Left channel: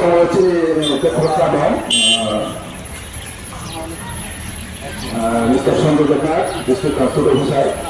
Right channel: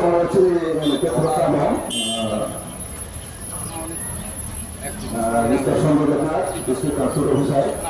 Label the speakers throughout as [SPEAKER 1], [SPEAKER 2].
[SPEAKER 1] Kalau si kepercayaan, Mr. Sandro Dekat, District Council Officer,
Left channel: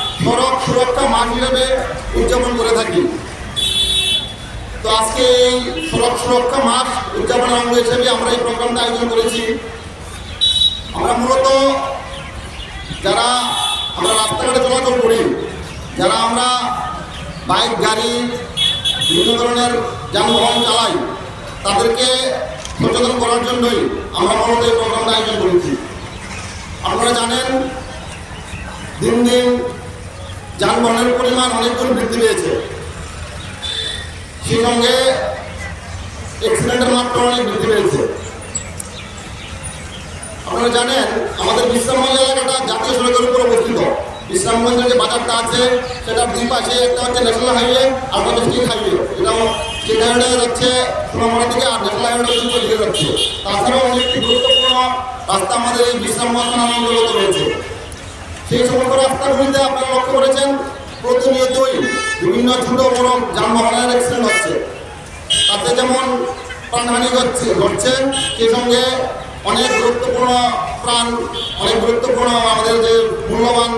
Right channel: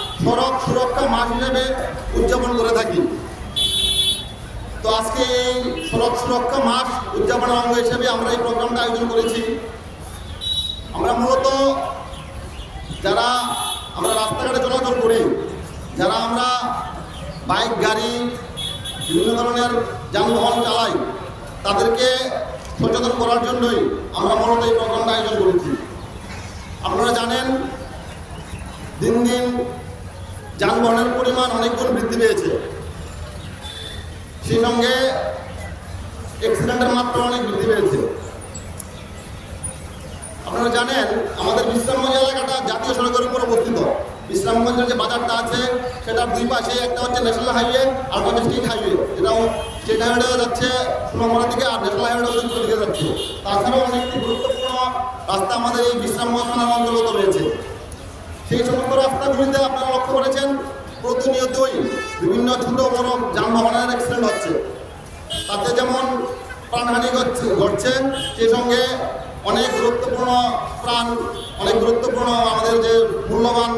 [SPEAKER 2] সড়ক সুরক্ষা মাস হিসেবে উদযাপন করে থাকি। তো আজকে এই সড়ক সুরক্ষা মাস উদযাপনের অঙ্গ হিসেবে আমরা এই প্রোগ্রামটা আয়োজন করেছি। আমরা মূলত যারা আমরা রাস্তাঘাটে চলাচল করি, যারা আমরা বাইক, গাড়ি বিভিন্ন ধরনের যানবাহন চালাই, তাদেরকে সচেতন করার জন্যই আমরা মূলত এই প্রোগ্রামটা আয়োজন করেছি। আপনারা জানেন, দিন দিন যানবাহনের পরিমাণ অনেক গুণ বৃদ্ধি পেয়েছে। সেই সঙ্গে অ্যাক্সিডেন্টের মাত্রা অনেক বৃদ্ধি পেয়েছে। আপনারা জানেন, আমাদের বিশ্রামগঞ্জ এলাকাটা জাতীয় সড়কের উপর অবস্থিত। বিশ্রামগঞ্জের যে বাজারটা আছে, সেটার দুই পাশে একটা হচ্ছে ন্যাশনাল হাইওয়ে আর একটা স্টেট হাইওয়ে এটাও স্টেট হাইওয়ে যাচ্ছে সোনামুড়া থেকে আর ন্যাশনাল হাইওয়ে পর্যন্ত লিখে যাচ্ছে। তাছাড়াও অনেকটি গুরুত্বপূর্ণ রাস্তা আমাদের এই বিশ্রামগঞ্জ অন্তর্গত রয়েছে। সেই সমস্ত রাস্তাগুলিতে আপনারা লক্ষ্য করেছেন। প্রতিনিয়তই বিভিন্ন ছোট বড় যানবাহনের অ্যাক্সিডেন্ট হচ্ছে। তাতে যেমন প্রাণহানি ঘটছে ঘটছে, সেই সঙ্গে অনেক গুরুত্বপূর্ণ প্রাণ, অনেক গুরুত্বপূর্ণ আমাদের যে মূল্যবান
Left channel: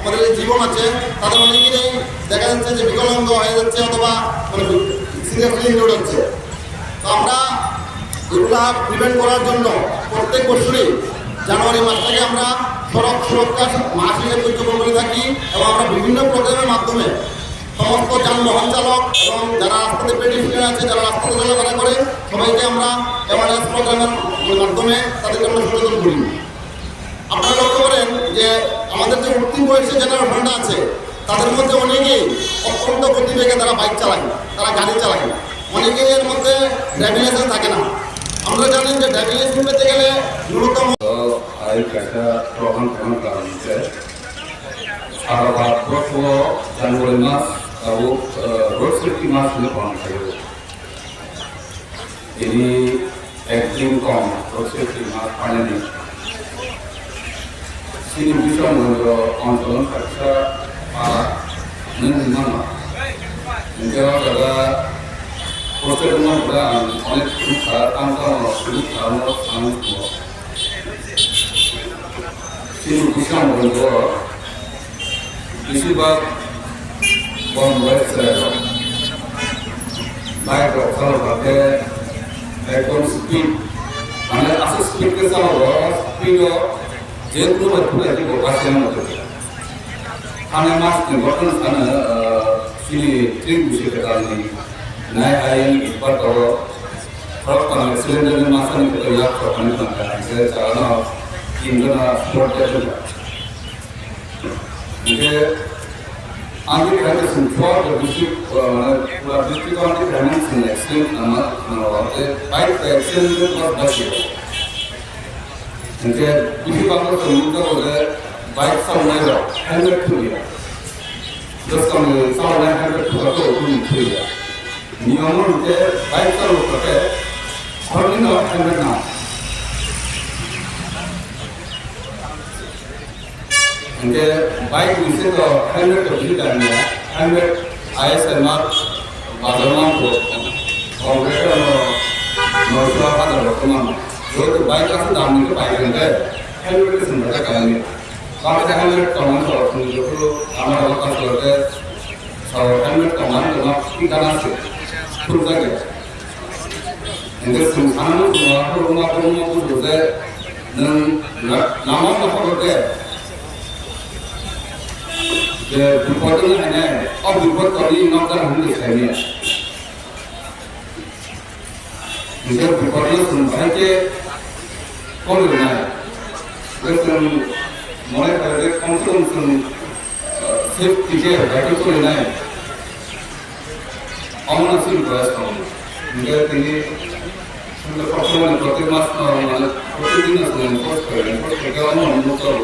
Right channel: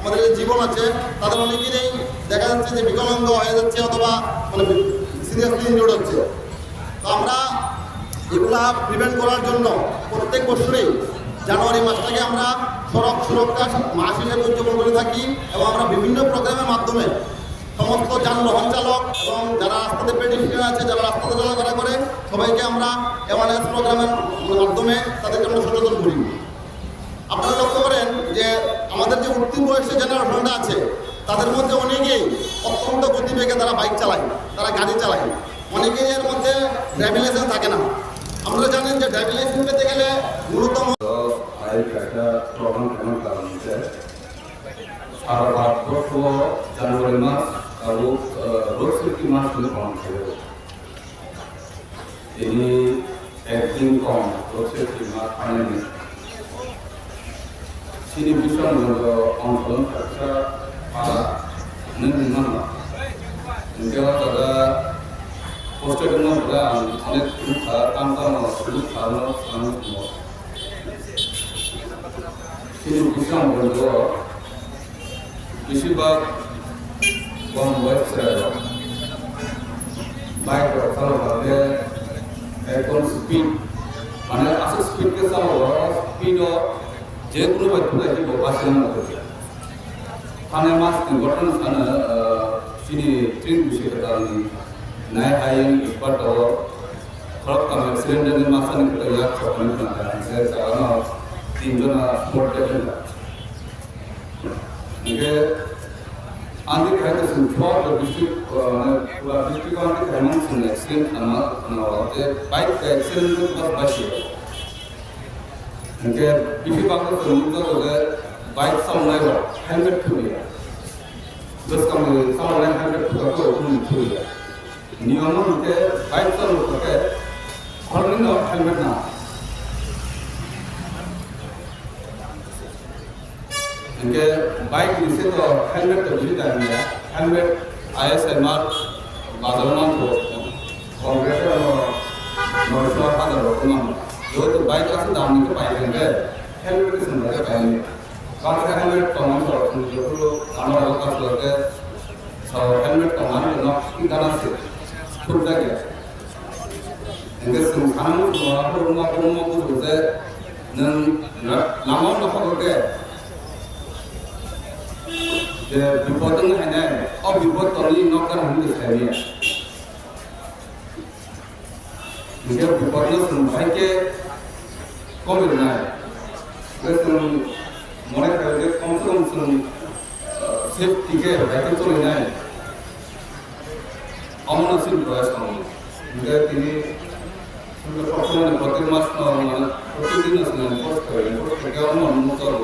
[SPEAKER 2] আমাদের যে জীবন আছে তাদের অনেকেরই দেখা যাচ্ছে যে বিকলাঙ্গ হয়ে যাচ্ছে অথবা সিরিয়াসলি ইনজুর্ড হচ্ছে। আমরা এগুলা প্রিভেন্ট করার জন্য প্রত্যেক বছরই জানুয়ারি মাস থেকে আমরা সড়ক সুরক্ষা মাস হিসেবে উদযাপন করে থাকি এবং আমরা বিভিন্ন প্রোগ্রামের মাধ্যমে সমস্ত যানবাহন চালক এবং যারা রাস্তাতে পেডিস্ট্রিয়ান আছে, যারা রাস্তাতে চলাফেরা করে, সবাইকে আমরা অ্যাওয়ারনেস প্রোগ্রামের মাধ্যমে তাদেরকে আমরা সচেতন করি। আপনারা লক্ষ্য করেন যে আমাদের যে উত্তীর্ণ বয়সের জেনারেশনটা আছে, তাদের মধ্যে অনেকেই অত্যন্ত গতিবেগে তারা বাইক চালায়, তারা গাড়ি চালায়। অনেকেই এর মধ্যে ড্রাইভিং লাইসেন্স থাকে না। আমরা জানেন যে ডায়াগনাইসিস পেতে গেলে ন্যূনতম
[SPEAKER 3] আয়োগ একটা প্রবল কেমন কারণ আছে আর ভারতবর্ষ জানুয়ারি মাস আর রোড সেফটি মাস হলে পালন করবে তিনি একদিন কম রোড সেফটি মাস পালেনি তিনি ভীষণগঞ্জ আন্দোলন খরচা পাড়া নির্মাণ যারা প্রচেতনা প্রদান অনেক কিন্তু ভূষণ বলব, বেশিরভাগ বন রয়েছে বাইক চালু করতে একদম স্পিড মানে আসে স্পিডকে চালু করা স্পিডও যেহেতু ভরপুর আছে বাসের মধ্যে থানে মাস ঘটনা থানে তিনি ট্রেন বিষয়টা naye ayen ipar toro hot pan slim jene masan ko ya ko pan pan ka se sarana indana sport ke shu मुझे आगे कहते सुनफॉर डिस्ट्रिक्ट डिस्ट्रिक्ट वाले ग्रामीण से एक्सीडेंट नंबर बाइक एक्सीडेंट पर बच गया मुझे किसी बात को सुनकर बोले बाइक सामने रहो हैंगर टूट गया दस कम सामने हैंगर तो उठूँ टूट गया নিয়ম লোকে বাইক চালক লোকে সর্বনিম্ন হেলমেট না যে বাইক নিচে তো হেলমেট তো ভিড় কারণ হেলমেট আইএসএ মার্ক বাজার মান কংগ্রেসের নয়শো হাজার রকমান যেহেতু বাইক আছে দাম নিতে বাইক কিনতে হেলমেটের সুন্দরটা কারণে কারণ হেলমেট কমান সরকার আমার এলাকার সরকার সরকার হেলমেট কমান তোমার ঠিকানা আছে। Kurdage. Engkau sembahmu, rumahku, rumahku, rumahku Kurde, dan nama nama Kurde. Dupatku ini, ab dupat kali nak dah hendak saya. Engkau dupatku sembah ke, kau mana? Engkau mana Kurde, kau tu sembah, sih tiga, tapi kau mana? অমনসি request করব মিডিয়ার তিনি সবসময় প্রতি মাস মানে প্রতিদিন enforce করে enforce থেকে আমি অনুরোধ করব।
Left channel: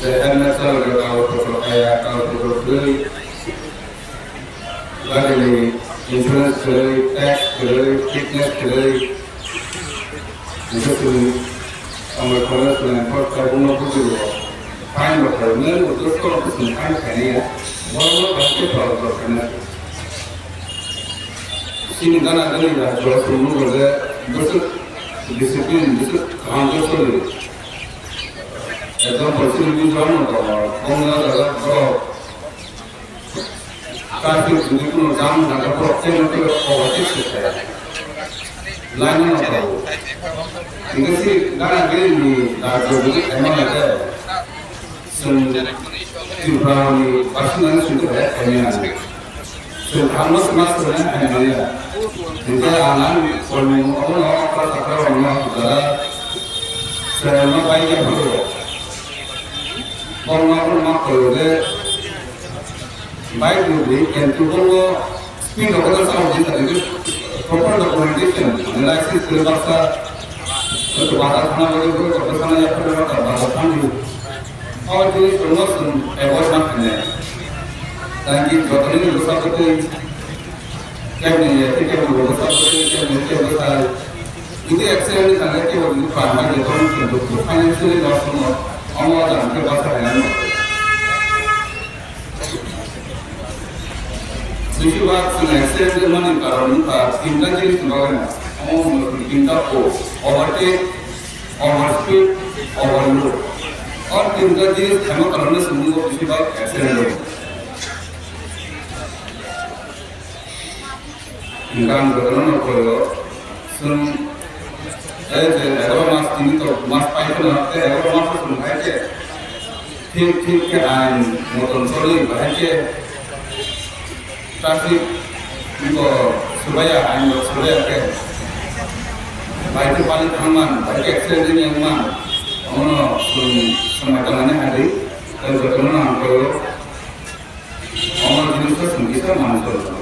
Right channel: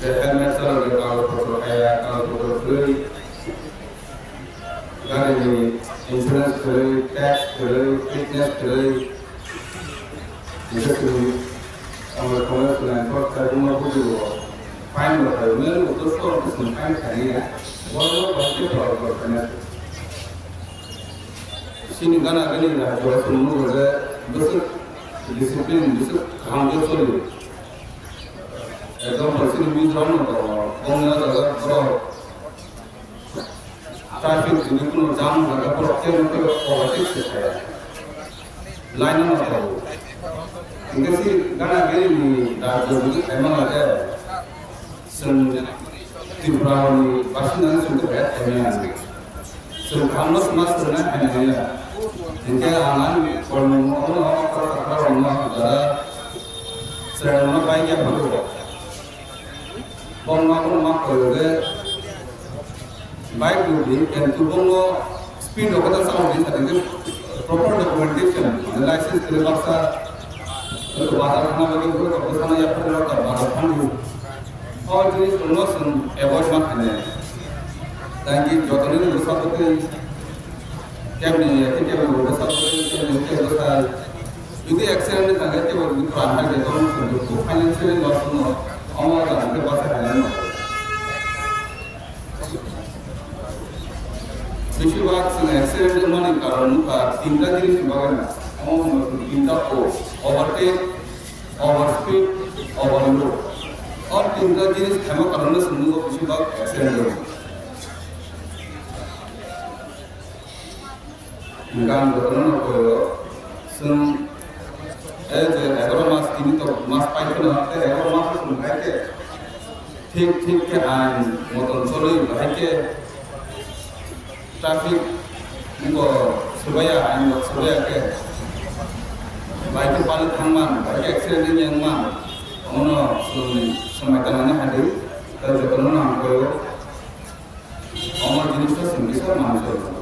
[SPEAKER 3] যে হ্যাঁ, হেলমেট লাগবে কারোর উপর কারোর উপর দুই গাড়ি ইন্স্যুরেন্স করে ট্যাক্স করে ফিটনেস করে। বিশেষ করে আমরা কমার্স এনফোর্স করে কোনো ফাইন বসাবে মেন উদ্যোগ করতেছেন ফাইন খাইয়ে Walau pasti kalau berkenan. Sini kan ada yang dah jual semua kerja, betul disiplin, betul kanjur sekali. Jangan pasti ini jual nampak. Kamu dah dah dah jual. Tapi ini pun jangan nampak pasti nampak orang tu sekali. Lain nampak. Ini sih kan ada yang dah jual ini, emang ada. Sini to probably personal to the community. So Hamas must have an idea. In the Alan, for my own offer, the power of the so no by the Buddha. On my own offer, আমার যদি সুন্দর ব্যবহার না ফেলে তাই কি যতদিন ব্যবসা করতে কেমনি কেমন ব্যবসা করতে কেমন ব্যবসা যদি অ্যাক্সিডেন্ট থাকে কেউ পারবার যখন কিন্তু ফাইন্যান্সিয়ালি দর্শন আমার জানতে কথা হয় না। বেশিরভাগ অ্যাক্সিডেন্টের মানে কারণ তার তিনটা জিনিস লাগে না আমার তিনটা ওভারটেক ওভারস্পিড ওভারলোড ও ওভারটেক ওভার স্পিড ওভারলোড আর তিনটা জিনিস কেন কারণে সম্ভব বেশিরভাগ অ্যাক্সিডেন্ট হয় ingan betul kalau sun eh kalau mas ini tuh mas pai itu nanti kalau mas itu nanti ঠিক ঠিক আইন মতন চলে বাড়িতে ট্রাফিক সুবাইয়া আইন সুবাইয়াকে বাড়িতে পানি থামান বাড়িতে অ্যাক্সিডেন্ট yang অমন সমাধানে আদি যতন আঙ্কল আমার জিনিসটা সংগীত মানুষ